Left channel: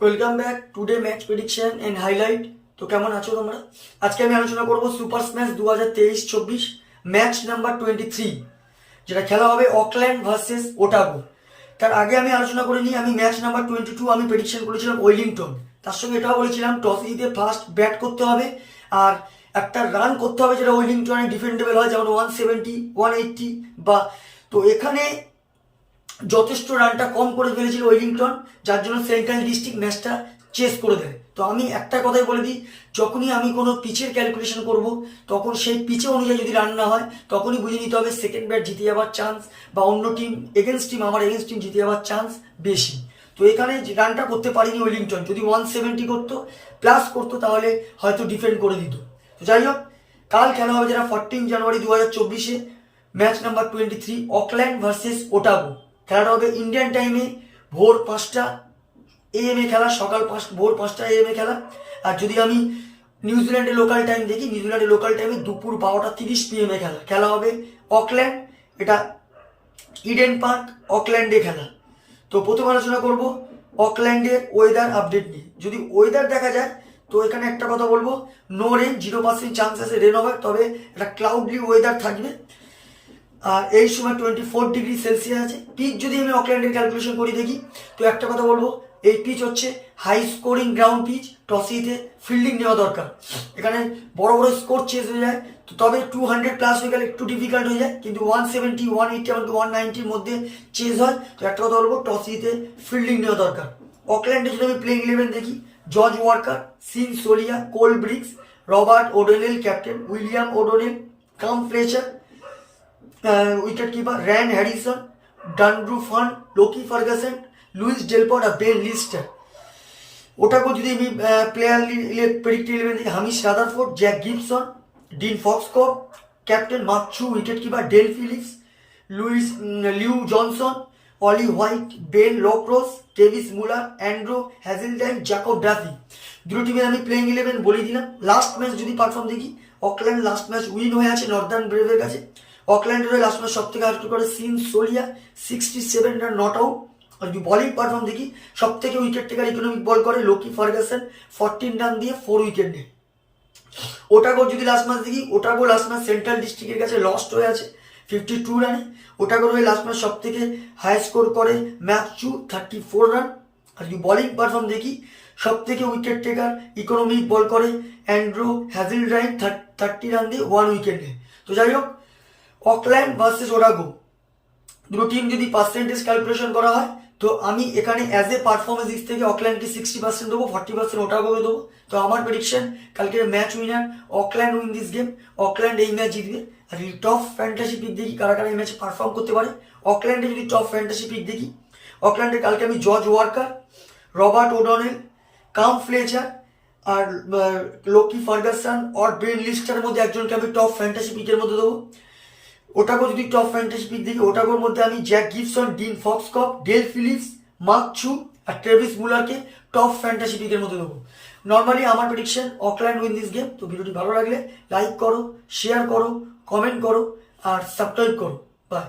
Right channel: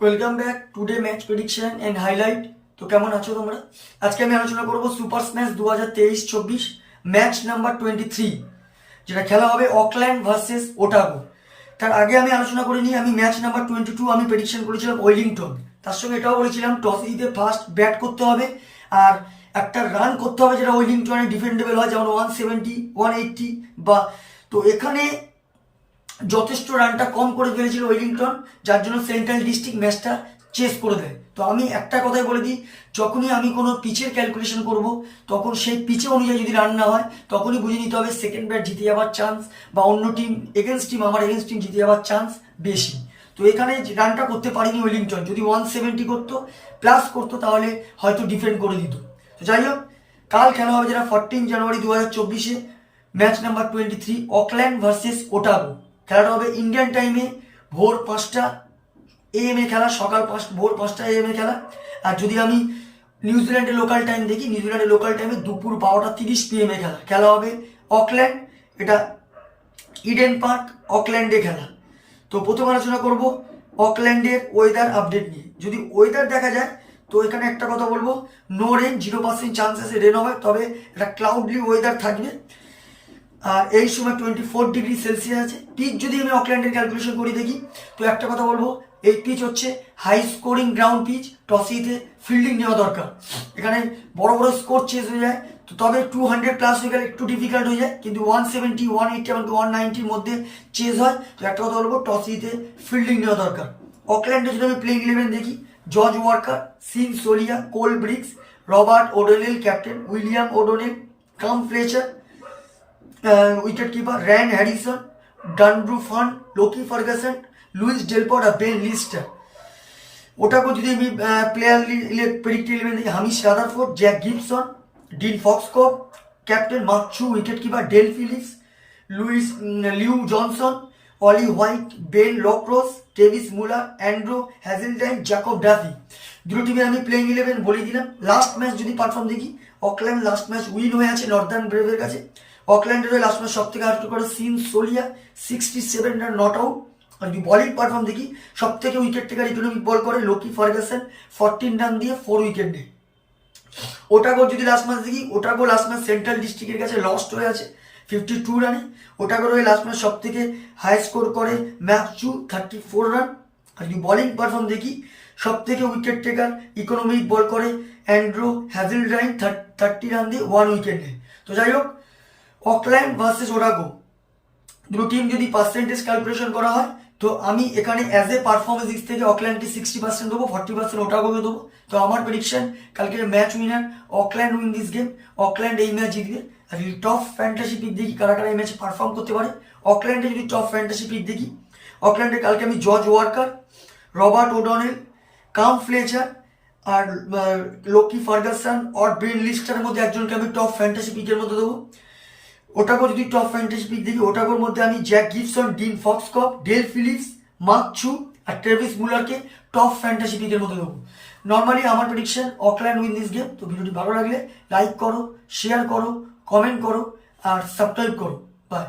Welcome back today match prediction and highlight. তো কেমন আছো তোমরা? আজকে আমি আলোচনা করব সুপার স্ম্যাশ 2023-24 ম্যাচ নাম্বার 23, যেটা খেলা হবে অকল্যান্ড ভার্সেস ওটাগো। তার আগে আমি আলোচনা করে নিই, আমি ম্যাচ নাম্বার 22 আমি প্রেডিকশন করেছিলাম ওয়েলিংটন। তার সঙ্গে এটাও বলেছিলাম টস জিতে ফার্স্ট ব্যাট করতে হবে আর একটা রান করতে হবে যেটা ওয়েলিংটনের ডিফেন্ডেবল হয়, যেমন 170, 180 বা। তো এখানে যথেষ্ট রানটা কম করে ফেলেছিল ওয়েলিংটন, যার জন্য সেন্ট্রাল ডিস্ট্রিক্ট ম্যাচটা চেস করে দেয়। তো আমি একটা কথাই বলে দিই, যখনই আমি কোনো পিচের ক্যালকুলেশন করব তখন সেই পিচে অনুযায়ী যদি রান না হয় তখনই বুঝে নিতে হবে সেকেন্ড ব্যাট জিতে যাওয়ার চান্স বা অন্য টিম আমার এগেনস্ট টিম জিতে যাওয়ার চান্স বেশি। তো এখানে রানটা করতে পারিনি ওয়েলিংটন, যদি 170 করতো প্লাস করতো তাহলে হয়তো ডিফেন্ড করে দিত। তো যাই হোক, কাল খেলা হবে যেটা 14 জানুয়ারি 2024-এ match number 23 Auckland versus Otago. খেলাটা হবে ইন্ডিয়ান টাইমে ভোর 5টা AM খেলা, ভোর 5টা AM খেলা। আর যদি আমি নিউজিল্যান্ডের লোকাল টাইম দেখি, নিউজিল্যান্ডের লোকাল টাইমে দুপুর 12:30 PM খেলা হবে অকল্যান্ড, এটা ইডেন পার্ক অকল্যান্ডে খেলা। তো প্রথম আলোচনা করব অকল্যান্ডের ওয়েদার আপডেট নিয়ে। যদি ওয়েদার দেখা যায় তো এখানে একটা কথা বলবো, নো রেন, 0% চান্স আছে রেন হবে, তবে একটা ক্লাউডলি ওয়েদার থাকবে। আর এই সময় 24°C আছে। পিচ যদি আমি অকল্যান্ডের ক্যালকুলেশন করি দেখি, তো একটা কথা বলবো, এই পিচ হচ্ছে হাই স্কোরিং গ্রাউন্ড পিচ, টসিতে ফিল্ডিং নেওয়া দরকার। এখানে বড় বড় স্কোর চেস হয়ে যায়, তো তবে 200 প্লাস হয়ে গেলে একটু ডিফিকাল্ট হয়ে যায়, কিন্তু 170, 180 এমনকি 190-র মধ্যে চেস হয়। তো একটা কথা বলবো, টসিতে ফিল্ডিং নেওয়া দরকার। অকল্যান্ডে যদি আমি প্লেইং 11 দেখি, George Walker, Sean Solia, Cole Briggs, Robert O'Donnell captain, William O'Donnell, Cam Fletcher wicket keeper, Ryan Harrison, Danru Ferns, Lockie Ferguson, Louis Delport আর বেন লিস্টার। ওটাকেও যদি আমি প্লেয়ার প্রেডিক্ট 11 দেখি, Hamish Rutherford, Jack Gibson, Dean Foxcroft, captain Mark Chu, wicket keeper Dale Phillips, Llew Johnson, Ollie White, Ben Lockrose, Travis Muller, Andrew Hazeldine, Jacob Duffy. দুটো টিমের আমি playing 11 বলে দিলাম। লাস্ট ম্যাচ যদি পারফর্ম দেখি, Auckland last match win হয়ে আছে Northern ব্রেভের কাছে। অকল্যান্ডের লাস্ট ম্যাচ সব থেকে হার্ট করে সিন সোলিয়া, 67 রান নট আউট। আর যদি বলিং পারফর্ম দেখি, সব থেকে উইকেট টেকার ইকোনমিক বল করে লোকি ফার্গাসন, 14 রান দিয়ে 4 উইকেট নেয়। ওটাগো যদি লাস্ট ম্যাচ দেখি, ওটাগো লাস্ট ম্যাচ সেন্ট্রাল ডিস্ট্রিক্টের কাছে লস্ট হয়ে আছে 52 রানে। ওটাগোর হয়ে লাস্ট ম্যাচ সব থেকে হাই স্কোর করে ম্যাকচু, 34 রান। আর যদি বলিং পারফর্ম দেখি, সব থেকে উইকেট টেকার ইকোনমিক বল করে অ্যান্ড্রু হ্যাজেলডাইন, 30 রান দিয়ে 1 উইকেট নেয়। তো যাই হোক, অকল্যান্ড ভার্সেস ওটাগো দুটো টিম যদি পার্সেন্টেজ ক্যালকুলেশন করা হয়, তো আমি এখানে অ্যাজ এ পারফরমেন্স দিক থেকে অকল্যান্ডকে 60% দেবো, 40% ওটাগোকে দেবো। তো আমার প্রেডিকশন, কালকের match winner Auckland win this game. Auckland এই ম্যাচ জিতবে। আর যদি টপ ফ্যান্টাসি পিক দেখি কারা কারা এই ম্যাচে পারফর্ম করতে পারে, অকল্যান্ডে যদি টপ ফ্যান্টাসি পিক দেখি, অকল্যান্ডে কালকে আমি জর্জ ওয়াকার, রবার্ট ওডনেল, কাম ফ্লেচার আর লোকি ফার্গাসন আর বেন লিস্টারের মধ্যে একজনকে আমি টপ ফ্যান্টাসি পিকের মধ্যে দেবো। ওটাগো যদি টপ ফ্যান্টাসি পিক দেখি, ওটাগোর মধ্যে আমি Jack Gibson, Dean Foxcroft, Dale Phillips, Mark Chu আর ট্রেভিস মুলারকে টপ ফ্যান্টাসি পিকের মধ্যে দেবো। নর্মালি আমার prediction Auckland win this game. তো ভিডিওটি ভালো লাগলে লাইক করো, শেয়ার করো, কমেন্ট করো আর সাবস্ক্রাইব করো। বাই।